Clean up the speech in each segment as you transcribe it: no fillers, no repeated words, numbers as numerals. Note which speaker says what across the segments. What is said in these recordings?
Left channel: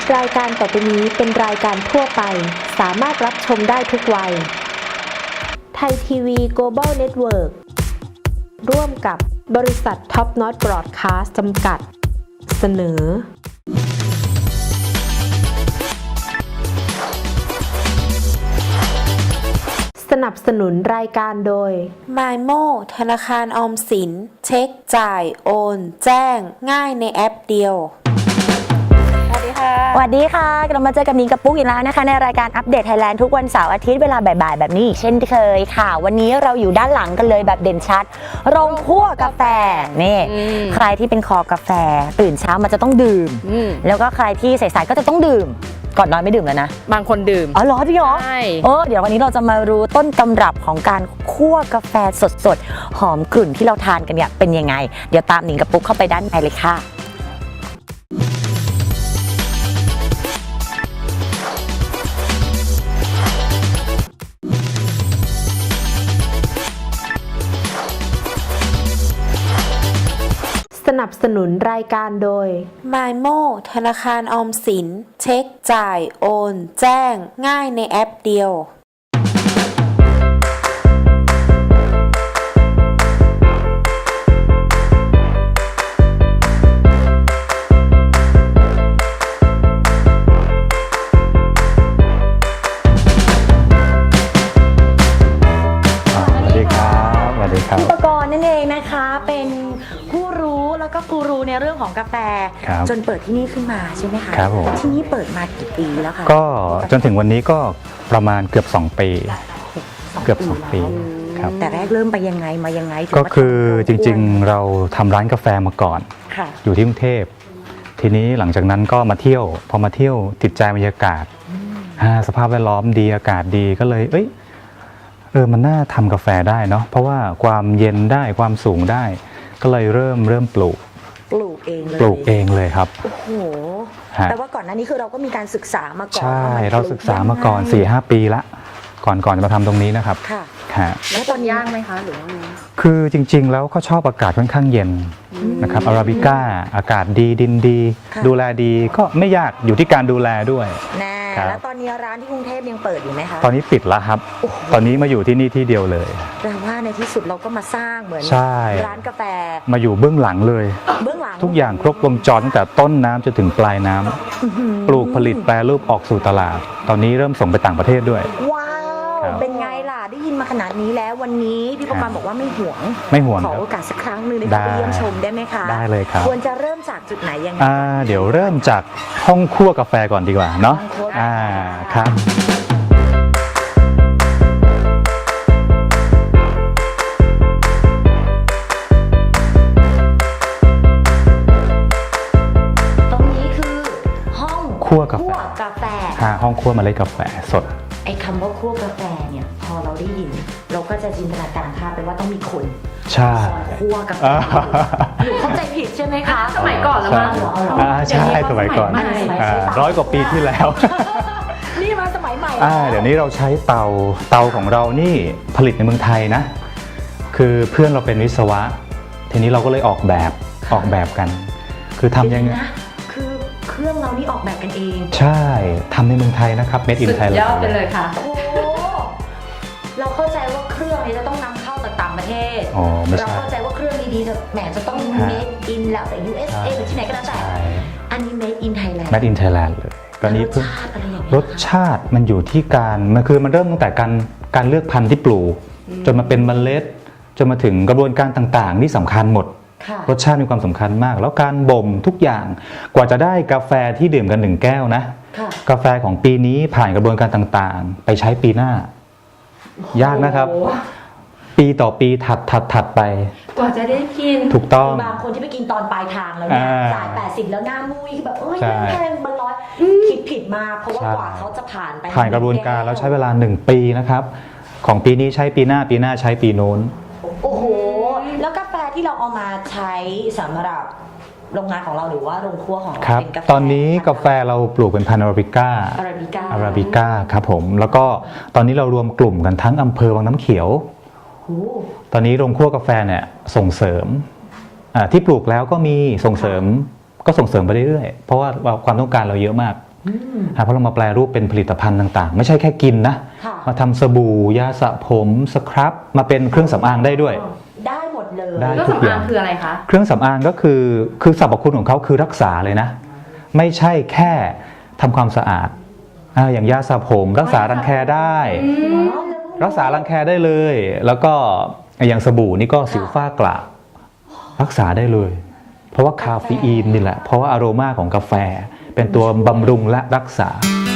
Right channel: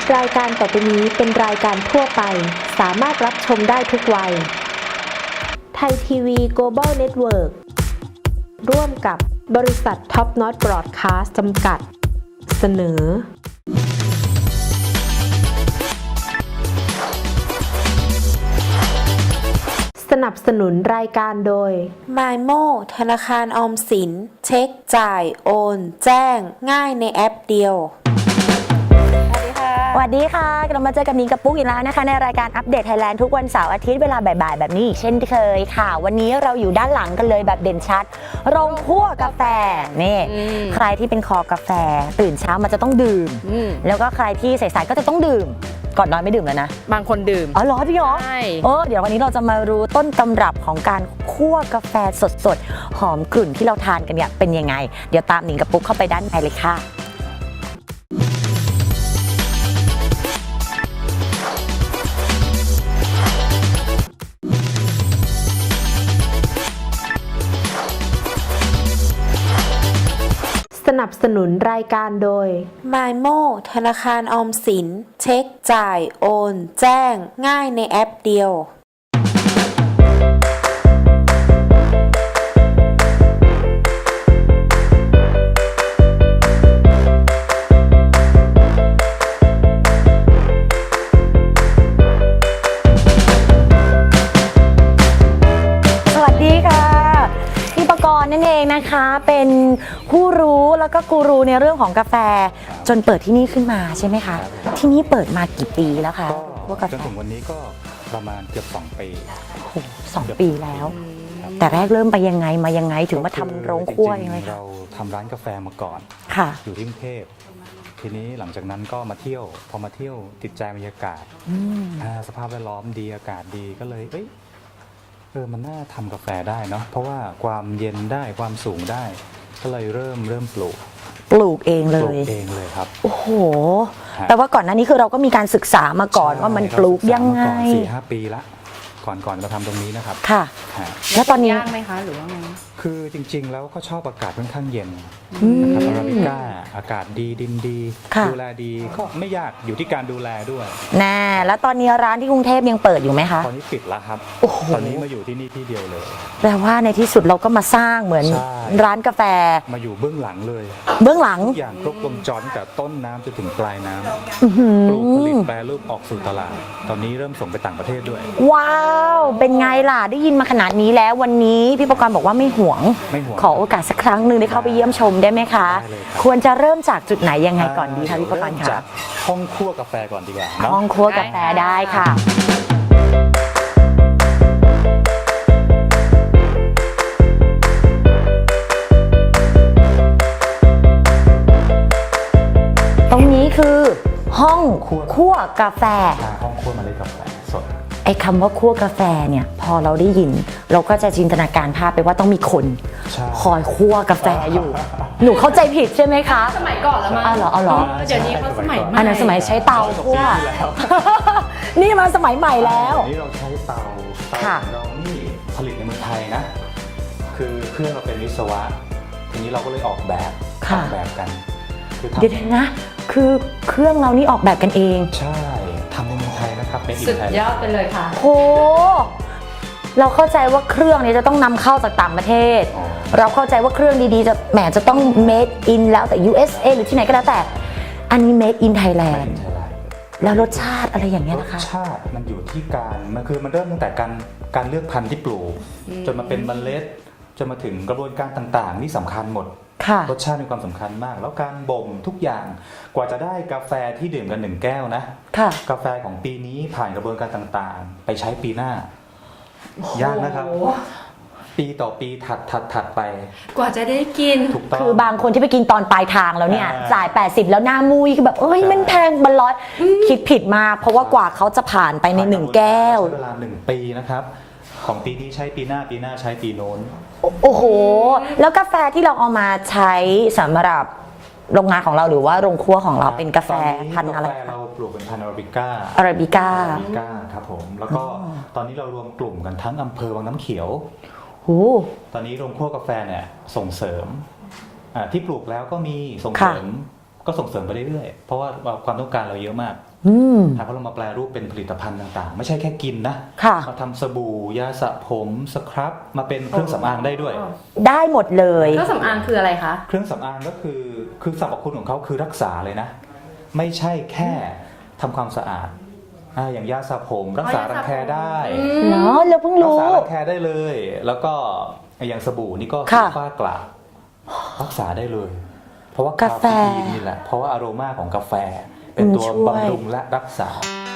Speaker 1: รายการต่อไปนี้เป็นรายการทั่วไปสามารถรับชมได้ทุกวัยไทยทีวี Global Network ร่วมกับบริษัทท็อปน็อตบรอดคาสต์จำกัดเสนอสนับสนุนรายการโดย MyMo ธนาคารออมสินเช็คจ่ายโอนแจ้งง่ายในแอปเดียว
Speaker 2: สวัสดีค่ะกลับมาเจอกับนิ้งกับปุ๊กอีกแล้วนะคะในรายการอัปเดตไทยแลนด์ทุกวันเสาร์อาทิตย์เวลาบ่ายๆแบบนี้เช่นเคยค่ะวันนี้เราอยู่ด้านหลังกันเลยแบบเด่นชัดโรงคั่วกาแฟนี่ใครที่เป็นคอกาแฟตื่นเช้ามันจะต้องดื่มแล้วก็ใครที่สายๆก็จะต้องดื่มก่อนนอนไม่ดื่มแล้วนะ
Speaker 3: บางคนดื่ม
Speaker 2: อ๋อเหรอพี่หรอ
Speaker 3: ใช่
Speaker 2: เดี๋ยววันนี้เราจะมารู้ต้นตำรับของการคั่วกาแฟสดๆหอมกลุ่นที่เราทานกันเนี่ยเป็นยังไงเดี๋ยวตามนิ้งกับปุ๊กเข้าไปด้านในเลยค่ะ
Speaker 1: สนับสนุนรายการโดย MyMo ธนาคารออมสินเช็คจ่ายโอนแจ้งง่ายในแอปเดียว
Speaker 2: นะคะเป็นผู้รู้แล้วก็กูรูในเรื่องของกาแฟจนเปิดที่นี่ขึ้นมาใช่ไหมคะ
Speaker 4: ครับผม
Speaker 2: ที่นี่เปิดมากี่ปีแล้วคะ
Speaker 4: ก็จนถึงวันนี้ก็ประมาณเกือบ2 ปี
Speaker 2: เกือบ2 ปีแล้วแต่แรกเริ่มไปยังไงมายังไงถึง
Speaker 4: ก็คือจริงๆเราทำร้านกาแฟมาก่อนอยู่ที่กรุงเทพทีนี้หลังจากนั้นก็มาเที่ยวพอมาเที่ยวติดใจบรรยากาศสภาพแวดล้อมดีอากาศดีก็เลยมันน่าทำกาแฟได้เนาะเพราะว่าความเย็นได้ความสูงได้ก็เลยเริ่มปลูก
Speaker 2: เอง
Speaker 4: เลยครับ
Speaker 2: โอ้โหแต่ว่าก่อนหน้านี้คือเราก็มีการศึกษามาก่อนว่ามันปลูกยังไง
Speaker 4: มาก่อน 4-5 ปีละก่อนจะมาทำตรงนี้นะครับ
Speaker 2: ค่ะแล้วตอนนี้
Speaker 3: ยากไหมคะหรือว่าไง
Speaker 4: คือจริงๆแล้วเขาชอบอากาศค่อนข้างเย็นนะครับอาราบิก้าอากาศดีดินดีดูแลดีก็ไม่ยากอยู่ที่การดูแลด้วย
Speaker 2: แล้วตอนนี้ร้านที่กรุงเทพยังเปิดอยู่ไหมคะ
Speaker 4: ตอนนี้ปิดแล้วครับตอนนี้มาอยู่ที่นี่ที่เดียวเลย
Speaker 2: แปลว่าในที่สุดเราก็มาสร้างเหมือนร้านกาแฟ
Speaker 4: มาอยู่เบื้องหลังเลย
Speaker 2: เบื้องหลัง
Speaker 4: ทุกอย่างครบวงจรตั้งแต่ต้นน้ำจนถึงปลายน้ำปลูกผลิตแปรรูปออกสู่ตลาดตอนนี้เริ่มส่งไปต่างประเทศด้วย
Speaker 2: ว้าวเป็นไงล่ะได้ยินมาขนาดนี้แล้ววันนี้พี่ประกรณ์บอกว่าไม่ห่วงขอโอกาสสักครั้งหนึ่งได้เข้าไปเยี่ยมชมได้ไหมคะ
Speaker 4: ได้เลยครับ
Speaker 2: ควรจะเริ่มจากจุดไหนยังไงก่อน
Speaker 4: เดี๋ยวเริ่มจากห้องคั่วกาแฟก่อนดีกว่าเนาะ
Speaker 2: ห้องคั่วกาแฟได้ค่ะตรงนี้คือห้องคั่วกาแฟ
Speaker 4: ห้องคั่วเมล็ดกาแฟสด
Speaker 2: ไอ้คำว่าคั่วกาแฟเนี่ยพอเราได้ยินเราก็จะจินตนาการภาพไปว่าต้องมีคนคอยคั่วกาแฟอยู่หนูเข้าใจผิดใช่ไหมคะ
Speaker 3: สมัยก่อนแล้วมั้ง
Speaker 2: เหรอ
Speaker 4: ใช่สมัยก่อน
Speaker 2: อันนั้นสมัยใช้เตา
Speaker 4: 100 กว่าปีที่แล้ว
Speaker 2: นี่มาสมัยใหม่แล้ว
Speaker 4: เดี๋ยวนี้เราใช้เตาของเรานี่ผลิตในเมืองไทยนะคือเพื่อนเราเป็นวิศวะทีนี้เราก็เลยออกแบบกันคือทำยังไง
Speaker 2: นะคือเครื่องเรานี่ออกแบบกันเอง
Speaker 4: ใช่ทำในเมืองไทยนะครับ Made in Thailand
Speaker 3: สุดยอดไปเลยค่ะ
Speaker 2: โอ้เราเข้าใจว่าเครื่องนี้จะต้องนำเข้าจากต่างประเทศเราเข้าใจว่าเครื่องดีๆจะต้อง Made in แล้วแต่ USA หรือที่ไหนก็แล้วแต่อันนี้ Made in Thailand
Speaker 4: เลย
Speaker 2: แล้วรสชาติอะไรอย่างเงี้ย
Speaker 4: รสชาติมันอยู่ที่มันเริ่มตั้งแต่การเลือกพันธุ์ที่ปลูกจนมาเป็นเมล็ดจนมาถึงกระบวนการต่างๆนี่สำคัญหมดรสชาติมีความสำคัญมากแล้วการบ่มทุกอย่างกว่าจะได้กาแฟที่ดื่มกัน1 แก้วนะกาแฟของปีนี้ผ่านกระบวนการต่างๆไปใช้ปีหน้ายากนะครับปีต่อปีถัดไป
Speaker 3: กว่าจะได้กิน
Speaker 4: ถูกต้อง
Speaker 2: คือบางคนที่ไปกินตอนปลายทางแล้วเนี่ยจ่าย80แล้วหน้ามุ้ยคือแบบมันแพงมันร้อยคิดผิดมาเพราะว่ากว่าเขาจะผ่านไปใน1 แก้ว
Speaker 4: ใช้เวลา1 ปีนะครับของปีนี้ใช้ปีหน้าใช้ปีโน้น
Speaker 2: โอ้โหแล้วกาแฟที่เราเอามาใช้สำหรับโรงงานของเราหรือว่าโรงครัวของเราเป็นกาแฟ
Speaker 4: ตอนนี้กาแฟเราปลูกเป็นพันธุ์อาราบิก้าครับผมแล้วก็ตอนนี้เรารวมกลุ่มกันทั้งอำเภอวังน้ำเขียวตอนนี้โรงครัวกาแฟเนี่ยส่งเสริมที่ปลูกแล้วก็มีส่งเสริมไปเรื่อยๆเพราะว่าความต้องการเราเยอะมากเพราะเรามาแปลรูปเป็นผลิตภัณฑ์ต่างๆ ไม่ใช่แค่กินนะ
Speaker 2: ค่ะ
Speaker 4: มาทำสบู่ยาสระผมสครับมาเป็นเครื่องสำอางได้ด้วย
Speaker 2: ได้หมดเลย
Speaker 3: เครื่องสำอางคืออะไรคะ
Speaker 4: เครื่องสำอางก็คือสรรพคุณของเขาคือรักษาเลยนะ ไม่ใช่แค่ทำความสะอาดอย่างยาสระผมรักษารังแคได้
Speaker 2: เนาะเราเพิ่งรู้
Speaker 4: รักษารังแคได้เลย แล้วก็อย่างสบู่นี่ก็สิวฝ้ากระรักษาได้เลย เพราะว่าคาเฟอีนนี่แหละเพราะว่าอโรมาของกาแฟเป็นตัวบำรุงและรักษา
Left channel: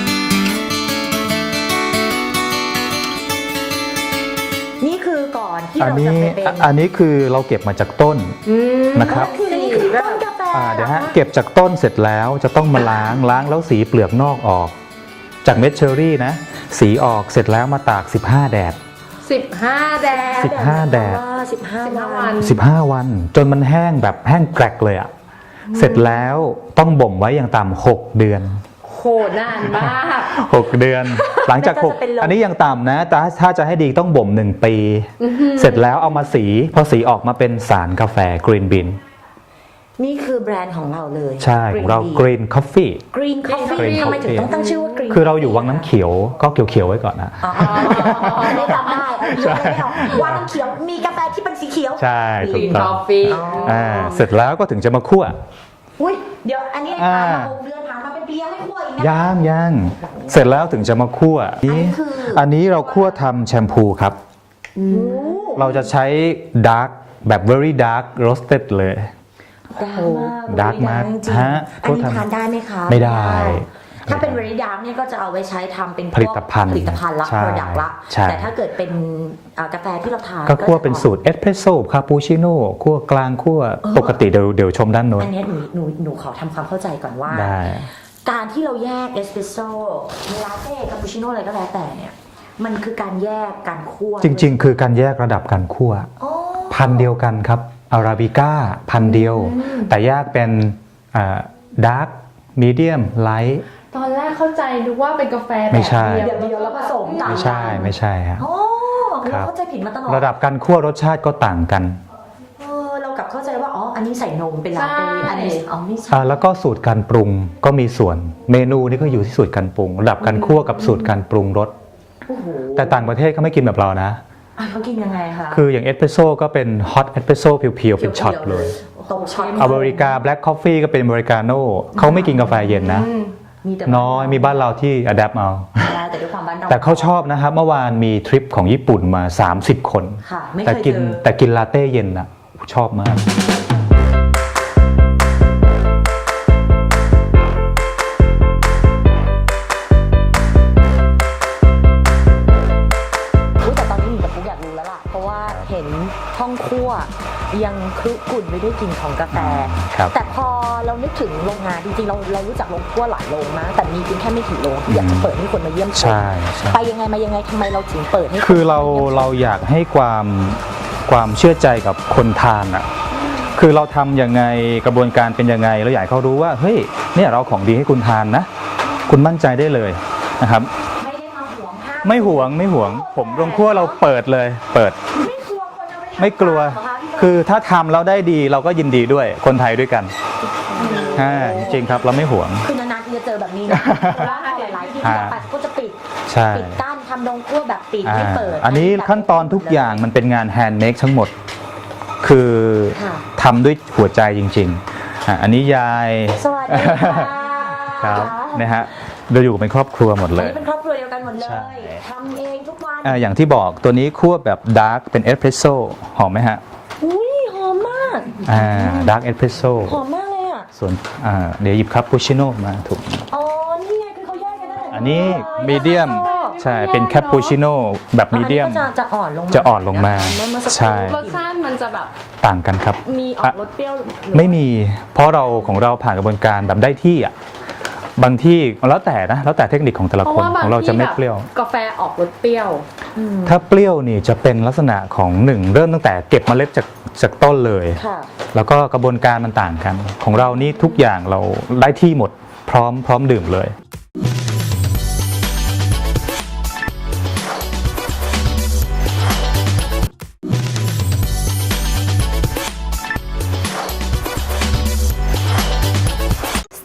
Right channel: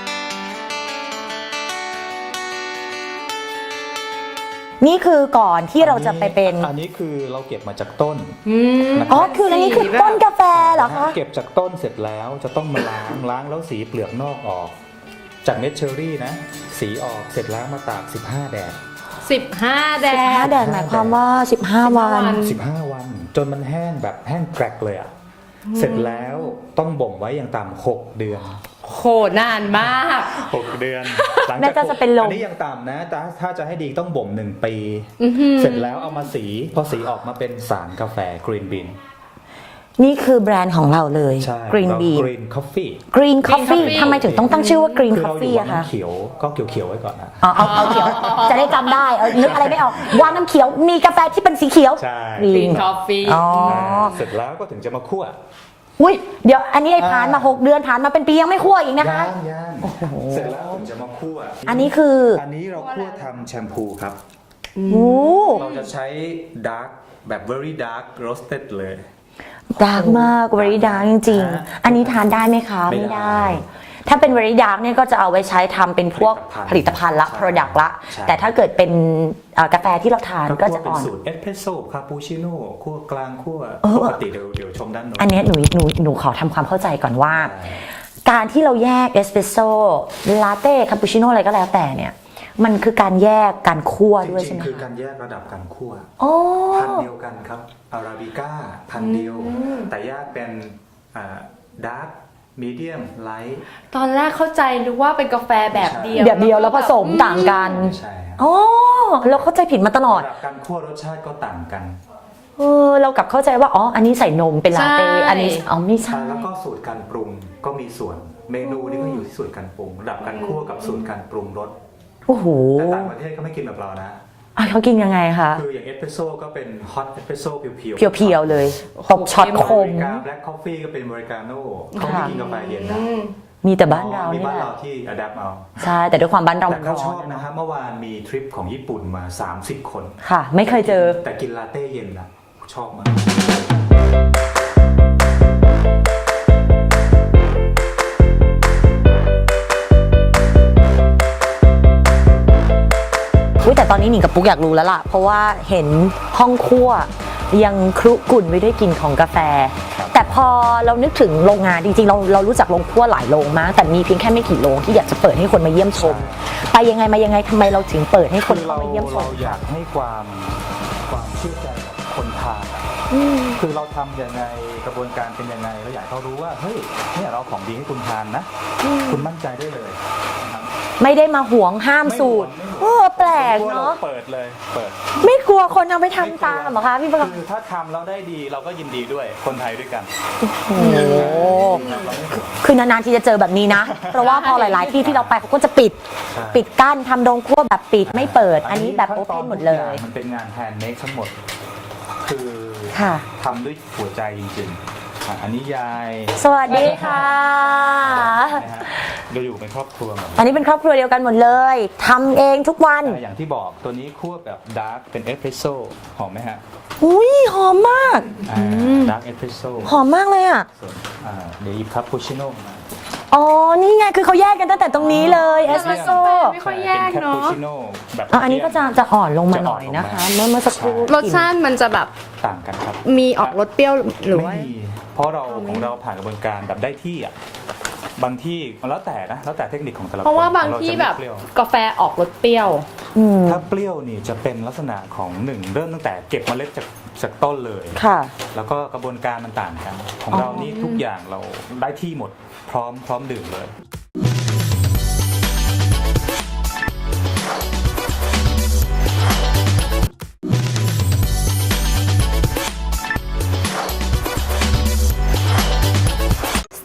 Speaker 2: นี่คือก่อนที่เราจะไปเป็น
Speaker 4: อันนี้คือเราเก็บมาจากต้นนะค
Speaker 2: อ๋อ
Speaker 4: รับ
Speaker 2: คืออันนี้คือต้นกาแฟเหรอ
Speaker 4: นะฮะ
Speaker 2: คะ
Speaker 4: เก็บจากต้นเสร็จแล้วจะต้องมาล้างแล้วสีเปลือกนอกออก จากเม็ดเชอร์รี่นะสีออกเสร็จแล้วมาตาก15 แดด
Speaker 3: 15 แดด
Speaker 2: แดดหมายความว่า15 วัน
Speaker 4: 15 วันจนมันแห้งแบบแห้งแกรกเลยอะเสร็จแล้วต้องบ่มไว้อย่างต่ำ6 เดือน
Speaker 3: โหนานมาก
Speaker 4: 6 เดือน หลังจาก
Speaker 2: น่าจะเป็นลม
Speaker 4: อันนี้ยังต่ำนะแต่ถ้าจะให้ดีต้องบ่ม1 ปี เสร็จแล้วเอามาสีพอสีออกมาเป็นสารกาแฟกรีนบีน
Speaker 2: นี่คือแบรนด์ของเราเลย
Speaker 4: ใช่ของเรา Green Coffee
Speaker 2: Green Coffee
Speaker 3: Coffee
Speaker 2: ทำไมถึงต้องตั้งชื่อว่า Green
Speaker 4: คือเราอยู่
Speaker 2: Coffee
Speaker 4: วังน้ำเขียวก็เขียวๆไว้ก่อนนะ
Speaker 2: จะได้จำได้นึกอะไรไม่ออกวังน้ำเขียวมีกาแฟที่เป็นสีเขียว
Speaker 4: ใช่ถูก
Speaker 3: Green
Speaker 4: ต้อง
Speaker 3: Coffee
Speaker 4: เสร็จแล้วก็ถึงจะมาคั่ว
Speaker 2: อุ้ยเดี๋ยวอันนี้ผ่านมา6 เดือนผ่านมาเป็นปียังไม่คั่วอีกนะคะ
Speaker 4: ย่างเสร็จแล้วถึงจะมาคั่ว
Speaker 2: อันนี้คือ
Speaker 4: อันนี้เราคั่วทำแชมพูครับ
Speaker 2: โอ้
Speaker 4: เราจะใช้ดาร์กแบบ very dark roasted เลย
Speaker 2: ดังมาก very dark จริง
Speaker 4: ฮะ
Speaker 2: ๆอันนี้ทานได้ไหมคะ
Speaker 4: ไม่ได้
Speaker 2: ถ้าเป็น very dark เนี่ยก็จะเอาไว้ใช้ทำเป็นพวกผลิตภัณฑ์ละ
Speaker 4: ใช่
Speaker 2: product ละ
Speaker 4: ใช่
Speaker 2: แต่ถ้าเกิดเป็นกาแฟที่เราทาน
Speaker 4: ก็คั่ว
Speaker 2: จะ
Speaker 4: เป็นสูตรเอสเพรสโซ่คาปูชิโน่คั่วกลางคั่วปกติเดี๋ยวชมด้านโน้น
Speaker 2: อันเนี้ยหนูขอทำความเข้าใจก่อนว่า
Speaker 4: ได้
Speaker 2: การที่เราแยกเอสเปรสโซ่ลาเต้คาปูชิโน่อะไรก็แล้วแต่เนี่ยมันคือการแยกการคั่ว
Speaker 4: จริงๆ คือการแยกระดับการคั่ว
Speaker 2: อ๋อ
Speaker 4: พันธุ์เดียวกันครับอาราบิก้าพันธุ์เดียว แต่แยกเป็นดาร์กมีเดียมไลท์
Speaker 3: ตอนแรกเข้าใจนึกว่าเป็นกาแฟ
Speaker 4: ไม่
Speaker 3: แบบ
Speaker 4: ใช่
Speaker 3: เดียว
Speaker 2: แบบเดียวแล้วผสมต่างกัน
Speaker 4: ไม่ใช่ฮะ
Speaker 2: อ๋อเราเข้าใจผิดมาตลอด
Speaker 4: ระดับการคั่วรสชาติก็ต่างกัน
Speaker 2: เรากลับเข้าใจว่าอ๋ออันนี้ใส่นมเป็นลาเต้อันนี้อ๋อไม่ใช่
Speaker 4: แล้วก็สูตรการปรุงก็มีส่วนเมนูนี่ก็อยู่ที่สูตรการปรุง ระดับการคั่วกับสูตรการปรุงรส
Speaker 2: โอ้โห
Speaker 4: แต่ต่างประเทศเขาไม่กินแบบเรานะ
Speaker 2: เขากินยังไงคะ
Speaker 4: คืออย่างเอสเปรสโซ่ก็เป็นฮอตเอสเปรสโซ่เพียวๆ
Speaker 2: เพียวๆเลยตบช็อต
Speaker 4: อเมริกาแบล็คคอฟฟี่ก็เป็นอเมริกาโน่เขาไม่กินกาแฟเย็นนะ
Speaker 2: มีแต่บ้าน
Speaker 4: น้อยมีบ้านเราที่อัดแอปเอา
Speaker 2: ใช่แต่ด้วยความบ้านเรา
Speaker 4: แต่เขาชอบนะครับเมื่อวานมีทริปของญี่ปุ่นมา 30 คน
Speaker 2: ค่ะไม่เคยเจอ
Speaker 4: แต่กินลาเต้เย็นนะชอบมาก
Speaker 2: แต่ตอนนี้หนิงกับปุ๊กอยากรู้แล้วล่ะเพราะว่าเห็นห้องครัวยังครุกรุ่นไปด้วยกลิ่นของกาแฟ
Speaker 4: ครับ
Speaker 2: แต่พอเรานึกถึงโรงงานจริงๆเรารู้จักโรงครัวหลายโรงมากแต่มีเพียงแค่ไม่กี่โรงที่อยากจะเปิดให้คนมาเยี่ยมชม
Speaker 4: ใช่
Speaker 2: ไปยังไงมายังไงทำไมเราถึงเปิดให้น
Speaker 4: คือเรา
Speaker 2: มยี่ยมชม
Speaker 4: เราอยากให้ความเชื่อใจกับคนทานอ่ะคือเราทำยังไงกระบวนการเป็นยังไงเราอยากให้เขารู้ว่าเฮ้ยเนี่ยเราของดีให้คุณทานนะ คุณมั่นใจได้เลยนะครับ
Speaker 2: ไม่ได้มาหวงห้าม
Speaker 4: ไม่หวง
Speaker 2: เออ
Speaker 4: ผม
Speaker 2: แปลก
Speaker 4: ลงครัวเรา
Speaker 2: เนอะ
Speaker 4: เปิดเลยเปิด
Speaker 2: ไม่กลัวคนเอาไปทำ
Speaker 4: ไม่กลัว
Speaker 2: ตามเหรอคะพี่เบิร์ต
Speaker 4: คือถ้าทำแล้วได้ดีเราก็ยินดีด้วยคนไทยด้วยกันจริงครับเราไม่หวง
Speaker 2: คือนานๆที่จะเจอแบบนี้นะ เพราะว่าพอหลายๆที่ที่เราไปเขาก็จะปิด
Speaker 4: ใช่
Speaker 2: ปิดกั้นทำโรงครัวแบบปิดไม่เปิด
Speaker 4: อันนี้
Speaker 2: แบบ
Speaker 4: ขั้นตอนทุกอย่างมันเป็นงานแฮนด์เมดทั้งหมด คือ
Speaker 2: ค่ะ
Speaker 4: ทำด้วยหัวใจจริงๆอันนี้ยาย
Speaker 2: สวัสดีค่ะ
Speaker 4: ครับนะฮะเราอยู่เป็นครอบครัวหมดเลย
Speaker 2: อันนี้เป็นครอบครัวเดียวกันหมดเลยทำเองทุกวัน
Speaker 4: อย่างที่บอกตัวนี้คั่วแบบดาร์กเป็นเอสเพรสโซ่หอมไหมฮะ
Speaker 2: อุ้ยหอมมาก
Speaker 4: ดาร์กเอสเพรสโซ่
Speaker 2: หอมมากเลยอ่ะ
Speaker 4: ส่วนเดี๋ยวหยิบคาปูชิโน่มาถูก
Speaker 2: อ๋อนี่ไงคือเขาแยกกันตั้งแต่ตรงนี้เลย
Speaker 4: มีเดียม
Speaker 2: เอสเปรสโซ่
Speaker 4: ใช่เป็นแคปปูชิโน่แบบ
Speaker 2: อั
Speaker 4: มี
Speaker 2: น
Speaker 4: เดี
Speaker 2: นี้
Speaker 4: ยม
Speaker 2: ก็จะอ่อนลงมา
Speaker 4: จะอ่อนลงมา
Speaker 2: นะคะเมื่อสักค
Speaker 4: ใช่
Speaker 2: รู่
Speaker 3: รสชาติมันจะแบบ
Speaker 4: ต่างกันครับ
Speaker 3: มีออกรสเปรี้ยวหรือ
Speaker 4: ไม่
Speaker 3: ว่า
Speaker 4: มีเพราะเราของเราผ่านกระบวนการแบบได้ที่อ่ะบางที่แล้วแต่นะแล้วแต่เทคนิคของแต่ละ
Speaker 3: เพราะ
Speaker 4: คน
Speaker 3: ว่าบา
Speaker 4: ข
Speaker 3: ง
Speaker 4: องเราจะ
Speaker 3: ที่
Speaker 4: ไม่
Speaker 3: แบบ
Speaker 4: เปรี้ยว
Speaker 3: กาแฟออกรสเปรี้ยว
Speaker 4: ถ้าเปรี้ยวนี่จะเป็นลักษณะของหนึ่งเริ่มตั้งแต่เก็บเมล็ดจากต้นเลย
Speaker 2: ค่ะ
Speaker 4: แล้วก็กระบวนการมันต่างกัน ของเรานี่ทุกอย่างเราได้ที่หมดพร้อมดื่มเลย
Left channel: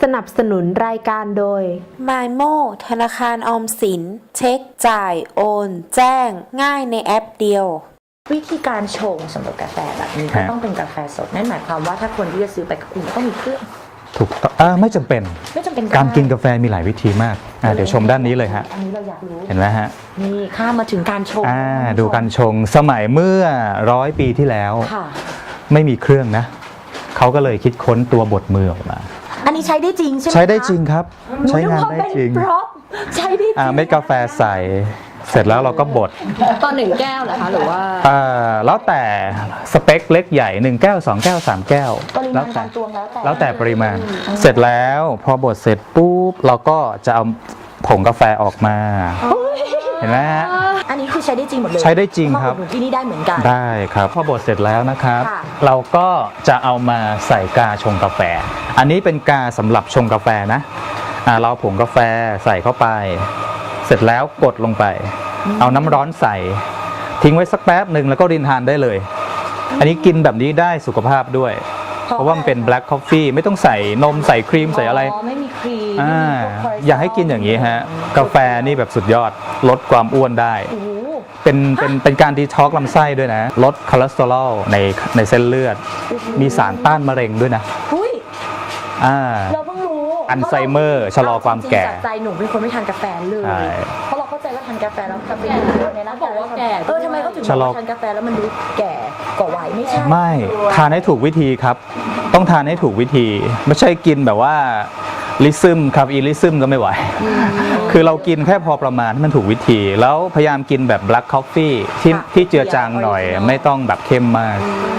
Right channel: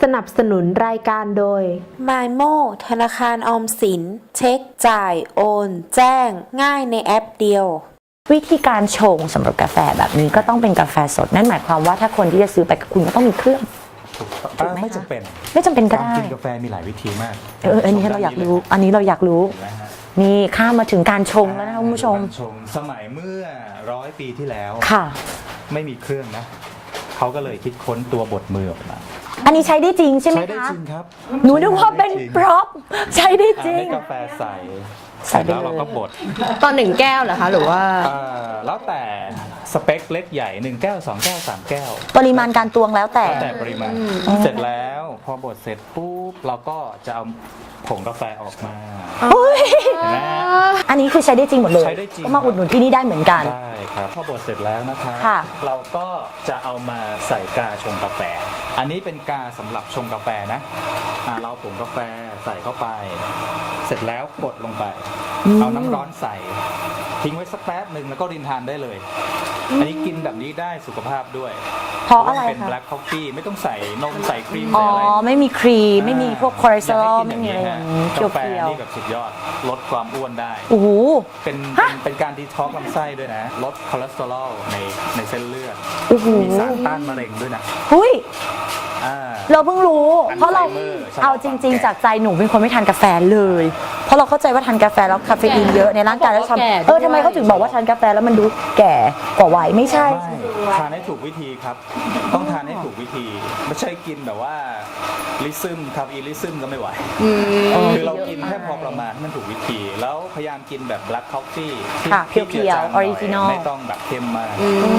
Speaker 1: นับสนุนรายการโดย
Speaker 5: MyMo ธนาคารออมสิน เช็คจ่าย โอน แจ้ง ง่ายในแอปเดียว
Speaker 2: วิธีการชงสำหรับกาแฟแบบนี้ก็ต้องเป็นกาแฟสดนั่นหมายความว่าถ้าคนที่จะซื้อไปกับคุณก็ต้องมีเครื่อง
Speaker 4: ถูกต้องไม่จำเป็น
Speaker 2: ไม่จำเป็น
Speaker 4: การกินกาแฟมีหลายวิธีมากเดี๋ยวชมด้านนี้เลยฮะ
Speaker 2: อันนี้เราอยากรู้
Speaker 4: เห็นไหมฮะ
Speaker 2: นี่ข้ามมาถึงการชงแล้วคุณ
Speaker 4: ดู
Speaker 2: ผู้ชม
Speaker 4: การชงสมัยเมื่อ100 ปีที่แล้ว
Speaker 2: ค่ะ
Speaker 4: ไม่มีเครื่องนะเขาก็เลยคิดค้นตัวบดมือออกมา
Speaker 2: อันนี้ใช้ได้จริงใช่ไหมคะ
Speaker 4: ใช้ได้จริงครับ
Speaker 2: หนู
Speaker 4: ใช้
Speaker 2: นึก
Speaker 4: งาน
Speaker 2: ว่า
Speaker 4: ได้
Speaker 2: เป็น
Speaker 4: จริง
Speaker 2: พร็อพใช้ได้จริง
Speaker 4: เม็ดกาแฟใส่เสร็จแล้วเราก็บด
Speaker 3: ตอน1 แก้วเหรอคะหรือว่า
Speaker 4: แล้วแต่สเปคเล็กใหญ่1 แก้ว 2 แก้ว 3 แก้ว
Speaker 2: ปริมาณการตวงแล้วแต่
Speaker 4: แล้วแต่ปริมาณเสร็จแล้วพอบดเสร็จปุ๊บเราก็จะเอาผงกาแฟออกมาเห็นไหมฮะ
Speaker 2: อันนี้คือใช้ได้จริงหมดเลย
Speaker 4: ใช้ได้จริง
Speaker 2: มา
Speaker 4: ครับ
Speaker 2: อุดหนุนที่นี่ได้เหมือนกัน
Speaker 4: ได้ครับพอบดเสร็จแล้วนะครับ
Speaker 2: ค่ะ
Speaker 4: เราก็จะเอามาใส่กาชงกาแฟ อันนี้เป็นกาสำหรับชงกาแฟนะเราเอาผงกาแฟใส่เข้าไป เสร็จแล้วกดลงไป เอาน้ำร้อนใส่ ทิ้งไว้สักแป๊บหนึ่งแล้วก็รินทานได้เลย อันนี้กินแบบนี้ได้สุขภาพด้วย เพราะว่ามันเป็น black coffee ไม่ต้องใส่นมใส่ครีมใส่อะไร
Speaker 2: ไม่มีครีมไม่มีพวกคอเลสเตอรอล
Speaker 4: อยากให้กินอย่างนี้ฮะกาแฟนี่แบบสุดยอดลดความอ้วนได้
Speaker 2: โอ้โห
Speaker 4: เป็นการดีท็อกซ์ลำไส้ด้วยนะ ลดคอเลสเตอรอลในเส้นเลือด
Speaker 2: โอ้โห
Speaker 4: มีสารต้านมะเร็งด้วยนะ
Speaker 2: หุ้ย
Speaker 4: อ่า
Speaker 2: เราเพิ่งรู้
Speaker 4: อัลไซเมอร์ชะลอความแก่
Speaker 2: เจริงๆจากใจหนูเป็นคนไม่ทานกาแฟเลย
Speaker 4: ใช่
Speaker 2: เพราะเราเข้าใจว่าทานกาแฟแล้วคาเฟอีนเยอะในร่างกายแล้ว
Speaker 3: แก่
Speaker 2: ทำทำไมเขาถึงบอกว่า
Speaker 4: ชะลอ
Speaker 2: ทานกาแฟแล้วมันดูแก่กว่าวัยไม่ใช่
Speaker 4: ไม่ทานให้ถูกวิธีครับ ต้องทานให้ถูกวิธี ไม่ใช่กินแบบว่าลิซึมคาเฟอีนลิซึมก็ไม่ไหว คือเรากินแค่พอประมาณให้มันถูกวิธี แล้วพยายามกินแบบ black coffee ที่
Speaker 2: ค่ะ
Speaker 4: ที่เจือจางหน่อย
Speaker 2: original
Speaker 4: ไม่ต้องแบบเข้มมาก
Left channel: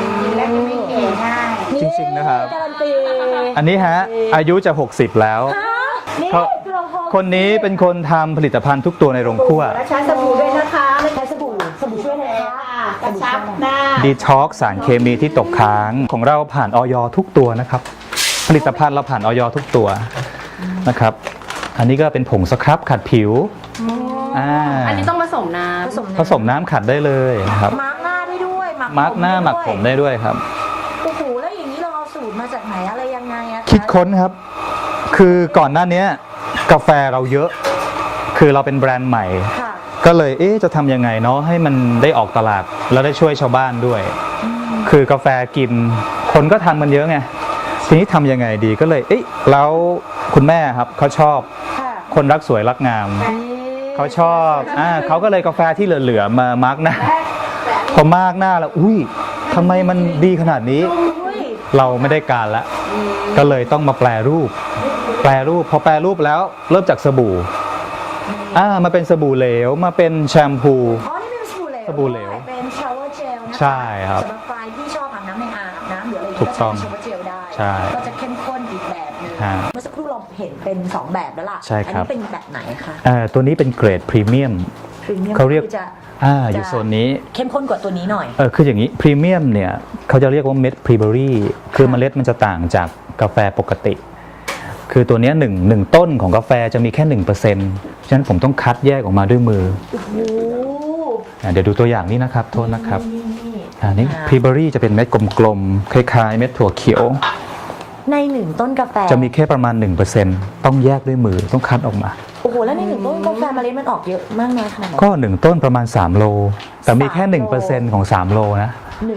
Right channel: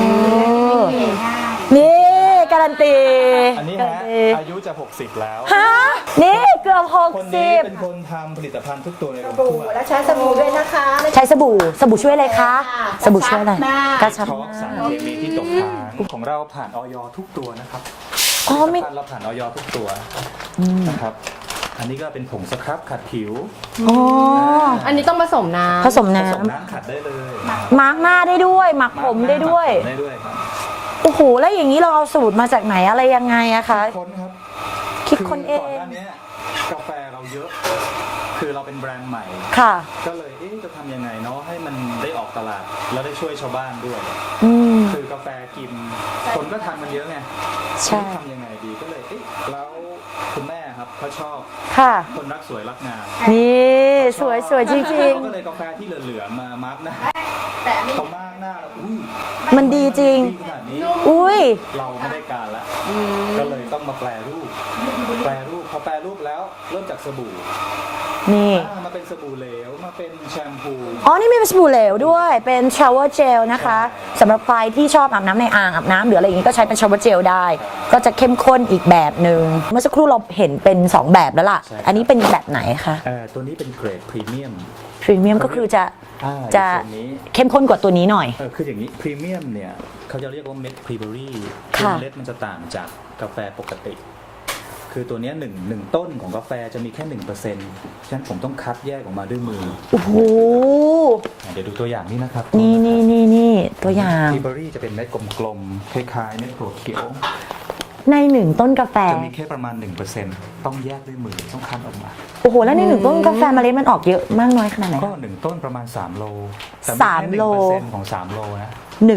Speaker 2: นี่
Speaker 4: จริงๆนะครับ
Speaker 2: การันตี
Speaker 4: อันนี้ฮะอายุจะ 60 แล้ว
Speaker 2: ฮะนี่เกือบ60
Speaker 4: คนนี้เป็นคนทำผลิตภัณฑ์ทุกตัวในโรงครัว
Speaker 5: ใช้สบู่ด้วยนะคะ
Speaker 2: ใช้สบู่ช่วยอะไรคะสบู่ช่วยอะไร
Speaker 4: ดีท็อกสารเคมีที่ตกค้างของเราผ่านออยทุกตัวนะครับ ผลิตภัณฑ์เราผ่านออยทุกตัวนะครับ อันนี้ก็เป็นผงสครับขัดผิว
Speaker 3: อันนี้ต้องผสมน้ำ
Speaker 2: ผสม
Speaker 4: ผ
Speaker 2: น้ำ
Speaker 4: สมน้ำขัดได้เลยนะครับ
Speaker 2: มาร์กหน้าได้ด้วยหมัก
Speaker 4: มาร์
Speaker 2: ผ
Speaker 4: ก
Speaker 2: ม
Speaker 4: หน้า
Speaker 2: ได้
Speaker 4: หมัก
Speaker 2: ด้วย
Speaker 4: ผมได้ด้วยครับ
Speaker 2: โอ้โหแล้วอย่างนี้เราเอาสูตรมาจากไหนอะไรยังไงอะ
Speaker 4: คิด
Speaker 2: คะ
Speaker 4: ค้นครับ คือก่อนหน้านี้กาแฟเราเยอะ คือเราเป็นแบรนด์ใหม่
Speaker 2: ค่ะ
Speaker 4: ก็เลยจะทำยังไงเนาะให้มันได้ออกตลาดแล้วได้ช่วยชาวบ้านด้วย คือกาแฟกิน คนก็ทานมันเยอะไง ทีนี้ทำยังไงดีก็เลยแล้วคุณแม่ครับเขาชอบ
Speaker 2: ค่ะ
Speaker 4: คนรักสวยรักงาม
Speaker 2: นี่
Speaker 4: เขาชอบ
Speaker 2: สวยจริงๆ
Speaker 4: เขาก็เลยกาแฟที่เหลือๆมามาร์กหน้าพอมาร์กหน้าแล้วอุ้ย
Speaker 2: มัน
Speaker 4: ทำไม
Speaker 2: ดี
Speaker 4: มัน
Speaker 2: จริง
Speaker 4: ดีขนาดนี้
Speaker 2: อุ้ย
Speaker 4: เราไม่ได้การละก็เลยต้องมาแปรรูป พอแปรรูปแล้วเริ่มจากสบู่
Speaker 2: นี่
Speaker 4: มาเป็นสบู่เหลวมาเป็นแชมพู
Speaker 2: อ๋อ นี่มีเป็นสบู่เหลว
Speaker 4: สบู่เหลว
Speaker 2: ด้วย เป็น shower gel นะคะ
Speaker 4: ใช่ครับ
Speaker 2: สำหรับใครที่ชอบอาบน้ำในอ่างอาบน้ำหรืออะไรอย่างนี้ก็ใช้เป็น shower gel ได้
Speaker 4: ใช่
Speaker 2: ก็จะเข้มข้นอีกแบบหนึ่ง
Speaker 4: อ่า
Speaker 2: เมื่อสักครู่เราเห็นเป็น 2 แบบแล้วล่ะ
Speaker 4: ใช่ครับ
Speaker 2: อันี้เป็นแบบไหนคะ
Speaker 4: ตัวนี้เป็นเกรดพรีเมียม
Speaker 2: พรีเมียม
Speaker 4: เขา
Speaker 2: ก็
Speaker 4: เรียก
Speaker 2: คือจะ
Speaker 4: อยู่โซนนี้
Speaker 2: เข้มข้นกว่าตัวนี้หน่อย
Speaker 4: คืออย่างนี้พรีเมียมเนี่ยเขาจะเรียกว่าเม็ดพรีเบอรี่คือ
Speaker 2: ค่ะ
Speaker 4: เมล็ดมันจะต่างจากกาแฟปกติ คือตัวเนี้ยหนึ่งต้นของกาแฟจะมีแค่ 1%ฉะนั้นผมต้องคัดแยกออกมาด้วยมือ
Speaker 2: โอ้โห
Speaker 4: เดี๋ยวดูตัวอย่างนี้นะครับโทษนะครับ
Speaker 2: นี่ตัวอย่าง
Speaker 4: พรีเบอรี่จะเป็นเม็ดกลมๆคล้ายๆเม็ดถั่วเขียว
Speaker 2: ใน1ต้นกาแฟ
Speaker 4: จะมีแค่ประมาณ 1%ต้องแยกด้วยมือต้องคัดออกมา
Speaker 2: โอ้โห แล้วใน1ต้นกาแฟเมล็ดมันออกเยอะมากน้อยขนาดไหน
Speaker 4: ก็1ต้นประมาณ3โลแต่มีแค่
Speaker 2: 3โล
Speaker 4: 1%ของ3โลนะ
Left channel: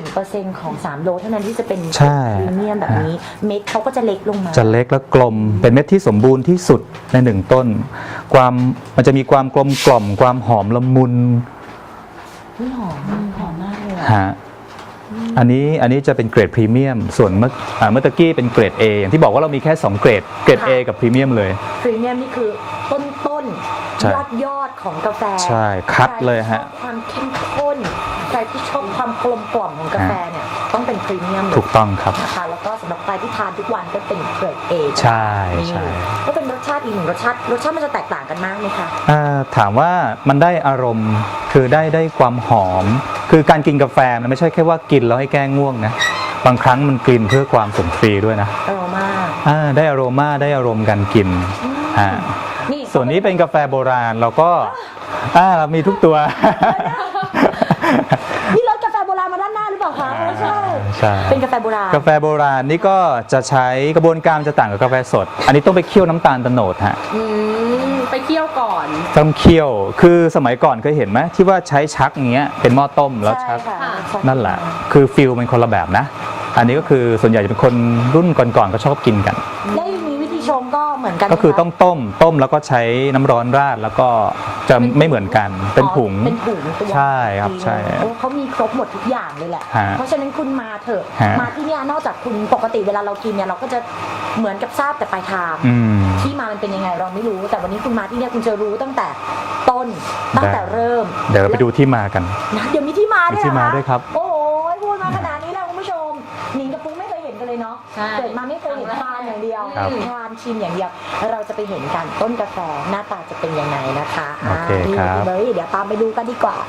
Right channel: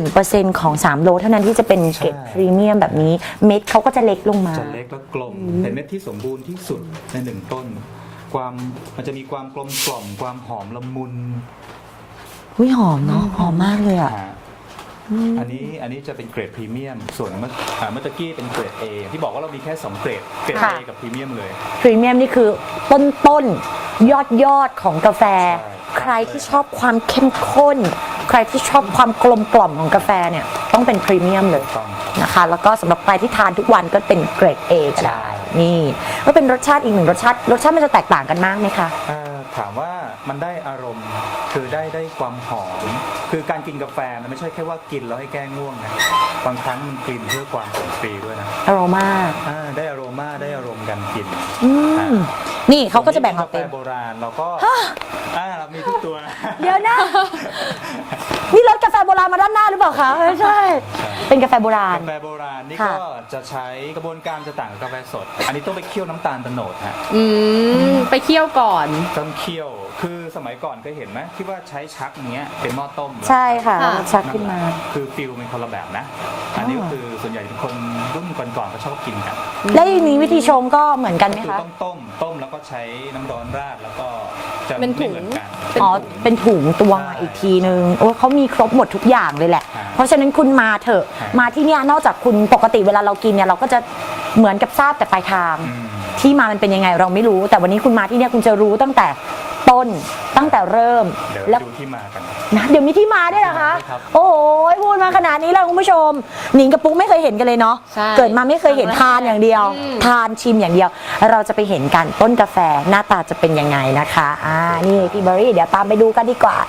Speaker 2: 1%ของ3โลเท่านั้นที่จะเป็น
Speaker 4: ใช่
Speaker 2: พรีเมียมแบบนี้ เม็ดเขาก็จะเล็กลงมา
Speaker 4: จะเล็กและกลม เป็นเม็ดที่สมบูรณ์ที่สุดใน1ต้นมันจะมีความกลมกล่อมความหอมละมุน
Speaker 2: วิหอมเนาะหอมมากเลยอะ
Speaker 4: ฮะอันนี้จะเป็นเกรดพรีเมียมส่วนเมื่อตะกี้เป็นเกรด A อย่างที่บอกว่าเรามีแค่2เกรด A กับพรีเมียมเลย
Speaker 2: พรีเมียมนี่คือต้น
Speaker 4: ใช่
Speaker 2: ยอดของกาแฟ
Speaker 4: ใช่คัด
Speaker 2: ใคร
Speaker 4: เลย
Speaker 2: ที่
Speaker 4: ฮะ
Speaker 2: ชอบความเข้มข้น ใครที่ชอบความกลมกล่อมของกาแฟเนี่ยต้องเป็นพรีเมียมเล
Speaker 4: ถู
Speaker 2: ย
Speaker 4: กต้องครับ
Speaker 2: นะคะแล้วก็สำหรับใครที่ทานทุกวันก็เป็นเกรด A
Speaker 4: ใช่
Speaker 2: นี่
Speaker 4: ใช่
Speaker 2: ก็เป็นรสชาติอีกหนึ่งรสชาติมันจะแตกต่างกันมากไหมคะ
Speaker 4: ถามว่ามันได้อารมณ์คือได้ความหอม คือการกินกาแฟมันไม่ใช่แค่ว่ากินแล้วให้แก้ง่วงนะบางครั้งมันกินเพื่อความสุนทรีย์ด้วยนะ
Speaker 2: อโรมา
Speaker 4: ได้อโรมาได้อารมณ์การกินฮะ
Speaker 2: นี่
Speaker 4: ส่
Speaker 2: เขา
Speaker 4: วน
Speaker 2: ก็
Speaker 4: นี้
Speaker 2: จะ
Speaker 4: เป็นกาแฟโบราณเราก็เรามีทุกตัว
Speaker 2: นี่รสกาแฟโบราณมาด้านหน้าหรือเปล่าคะไม่ใช่
Speaker 4: ใช่
Speaker 2: เป็นกาแฟโบราณ
Speaker 4: กาแฟโบราณนี่ก็จะใช้กระบวนการจะต่างกับกาแฟสด อันนี้ต้องไปเคี่ยวน้ำตาลโตนดฮะ
Speaker 3: ไปเคี่ยวก่อน
Speaker 4: ต้องเคี่ยว คือสมัยก่อนเคยเห็นไหมที่ว่าใช้ชักอย่างเงี้ยเป็นหม้อต้มแล้ว
Speaker 2: ใช่
Speaker 4: ชัก
Speaker 2: ค่ะ
Speaker 3: ค่ะ
Speaker 4: นั่นแหละ คือฟิลเป็นคนละแบบนะ อันนี้ก็คือส่วนใหญ่จะเป็นคนรุ่นก่อนๆก็ชอบกินกัน
Speaker 2: และอย่างนี้วิธีชงก็เหมือนกันไหม
Speaker 4: ก็
Speaker 2: คะ
Speaker 4: คือต้องต้มแล้วก็ใช้น้ำร้อนราดแล้วก็จะไม่เหมือนกันเป็นถุง
Speaker 2: อ๋อเป็นถุงตัว
Speaker 4: ใช่
Speaker 2: อีก
Speaker 4: ครับ
Speaker 2: ทีนึง
Speaker 4: ใช่
Speaker 2: โอ้เขามีครบหมดทุกอย่างเลยแหละ
Speaker 4: ฮะ
Speaker 2: เพราะฉะนั้นคุณมาเถอะ
Speaker 4: ฮะ
Speaker 2: มาที่เนี่ยนอกจากคุณปกติเวลาเรากินเนี่ยเราก็จะเหมือนกับทราบแต่ปลายทาง
Speaker 4: อืม
Speaker 2: ที่มามันเป็นยังไงเราไม่รู้ แต่วันนี้คุณมาที่เนี่ยคุณจะรู้ตั้งแต่ต้นตั้งแต่เริ่ม
Speaker 4: เดี๋ยวเราไปดูที่มากัน
Speaker 2: นะเดี๋ยวมีที่มาด้วยเหรอ
Speaker 4: มีที่มา
Speaker 2: คะ
Speaker 4: ด้วยครับ
Speaker 2: โอ้โหพูดมาขนาดนี้แล้วคุณผู้ชมหนิงกับปุ๊กไม่เคยเห็นกันเลยเนาะ
Speaker 3: ใช่
Speaker 2: เกิดมาไม่เคยเห็นทานอย่างเดียว
Speaker 3: ครับ
Speaker 2: ทานชิมอย่างเดียว เราจะไปเห็นกันต้นกาแฟหน้าตาจะเป็นยังไงนะคะนี่อีเบอรี่เดี๋ยวตามไปดูกันดีกว่า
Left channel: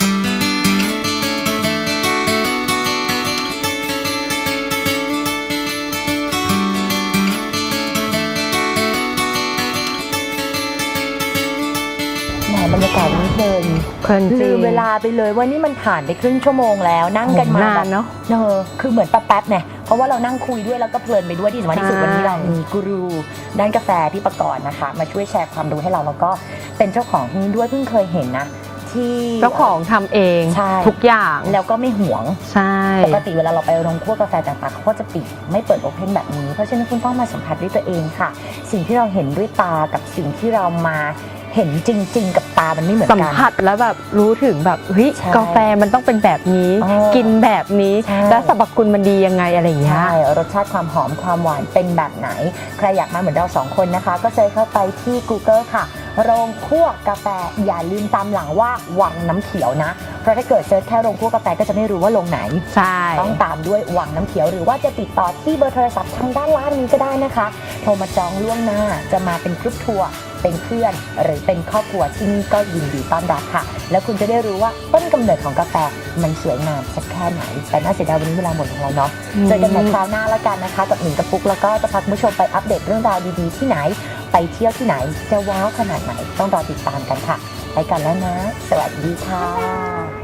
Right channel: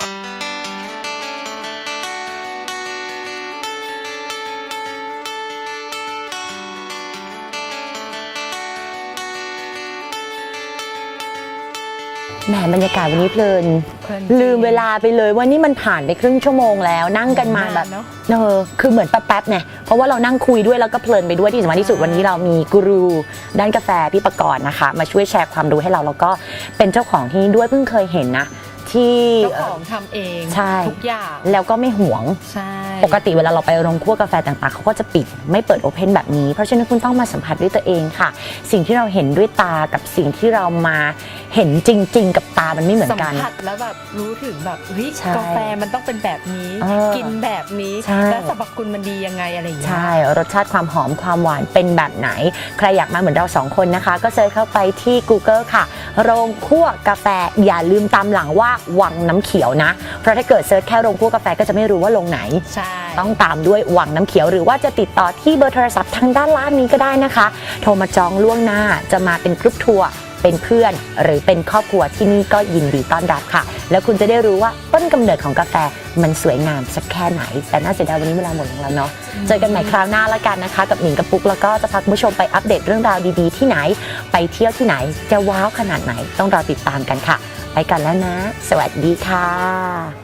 Speaker 2: แหมบรรยากาศวันนี้เพลิน
Speaker 3: เพลินจริง
Speaker 2: ลืมเวลาไปเลยว่านี่มันผ่านไปครึ่งชั่วโมงแล้วนั่งกันมา
Speaker 3: โอ้นาน
Speaker 2: แบบ
Speaker 3: เนอะ
Speaker 2: คือเหมือนแป๊บๆไงเพราะว่าเรานั่งคุยด้วยแล้วก็เพลินไปด้วยที่สำคัญที่สุด
Speaker 3: ใช่
Speaker 2: วันนี้เรามีกูรูด้านกาแฟพี่ประกรณ์นะคะ มาช่วยแชร์ความรู้ให้เราแล้วก็เป็นเจ้าของที่นี่ด้วยเพิ่งเคยเห็นนะ ที่
Speaker 3: เจ้าของทำเอง
Speaker 2: ใช่
Speaker 3: ทุกอย่าง
Speaker 2: แล้วก็ไม่หวง
Speaker 3: ใช่
Speaker 2: ปกติเวลาเราไปโรงคั่วกาแฟต่างๆเขาก็จะปิดไม่เปิดโอเพนแบบนี้ เพราะฉะนั้นคุณต้องมาสัมผัสด้วยตัวเองค่ะ สิ่งที่เราเห็นด้วยตากับสิ่งที่เรามาเห็นจริง ๆ กับตามันไม่เหมือน
Speaker 3: สัม
Speaker 2: กัน
Speaker 3: ผัสแล้วแบบรู้ถึงแบบเฮ้ย
Speaker 2: ใช่
Speaker 3: กาแฟมันต้องเป็นแบบนี้
Speaker 2: อ๋อ
Speaker 3: กินแบบนี้
Speaker 2: ใช่
Speaker 3: แล้วสรรพคุณมันดียังไงอะไรอย่างเงี้ย
Speaker 2: ใช่ รสชาติความหอมความหวานเป็นแบบไหน ใครอยากมาเหมือนเราสองคนนะคะ ก็เซิร์ชเข้าไปที่ Google ค่ะ โรงคั่วกาแฟอย่าลืมตามหลังว่าวังน้ำเขียวนะ เพราะถ้าเกิดเซิร์ชแค่โรงคั่วกาแฟก็จะไม่รู้ว่าโรงไหน
Speaker 3: ใช่
Speaker 2: ต้องตามด้วยวังน้ำเขียวหรือว่าจะติดต่อที่เบอร์โทรศัพท์ทางด้านล่างนี้ก็ได้นะคะ โทรมาจองล่วงหน้าจะมาเป็นกรุ๊ปทัวร์เป็นเพื่อนหรือเป็นครอบครัวที่นี่ก็ยินดีต้อนรับค่ะ แล้วคุณจะได้รู้ว่าต้นกำเนิดของกาแฟมันสวยงามสักแค่ไหน แต่น่าเสียดายวันนี้เวลาหมดของเราเนาะเจอกันใหม่คราวหน้าละกันนะคะ กับหนิงกับปุ๊กแล้วก็จะพาคุณผู้ชมไปอัปเดตเรื่องราวดีๆที่ไหน ไปเที่ยวที่ไหนจะว้าวขนาดไหนต้องรอติดตามกันค่ะไปกันแล้วนะ สวัสดีค่ะ